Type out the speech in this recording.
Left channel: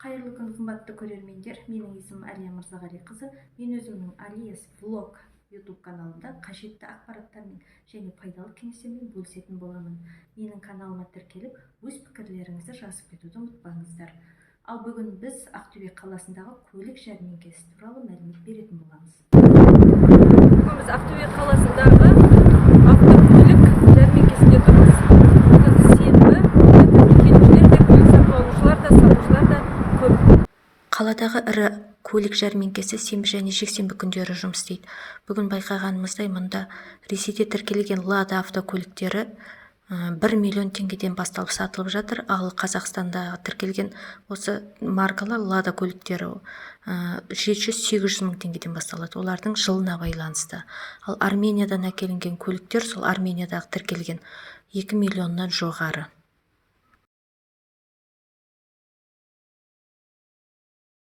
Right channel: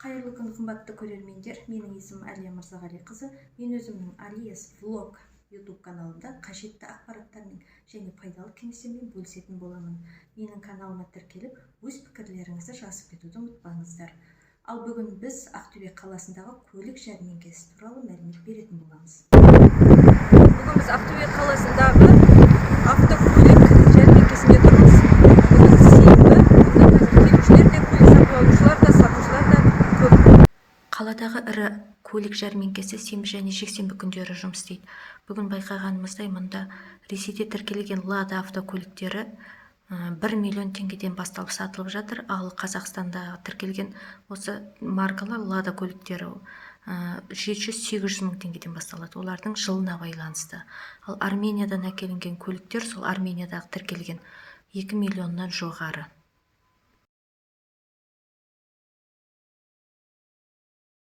Қайырлы күн, қымбатты көрермендер. Менің есімім Әлия Мырзағалиқызы. Мен өзімнің Алияс Влог YouTube каналымда қажетті ақпараттармен және пайдалы кеңестермен бөлісетін боламын. Менің каналыма тіркеліп, өз пікірлеріңізді жазып кетуді ұмытпаңыздар. Ал бүгін біз Ақтөбе қаласындағы көлік жәрмеңкесі туралы мәлімет беретін боламыз. Бүгін біз Ақтөбе қаласындағы автокөлік жәрмеңкесінде тұрмыз. Бүгін сенбі, келушілер де, көлік сатып алушылар да, сатушылар да көп. Қаладағы ірі көлік жәрмеңкесі сенбі және жексенбі күндері жұмыс істейді. Бүгін байқағанымыздай, мұнда Ресейде тіркелген Лада автокөліктері 1 миллион теңгеден басталып сатылып жатыр, ал Қазақстанда тіркелген осы маркалы Лада көліктері 700-800 мың теңгеден басталады. Олардың жылына байланысты. Ал Армениядан әкелінген көліктер сол Армениядағы тіркелген 2 миллионнан жоғары.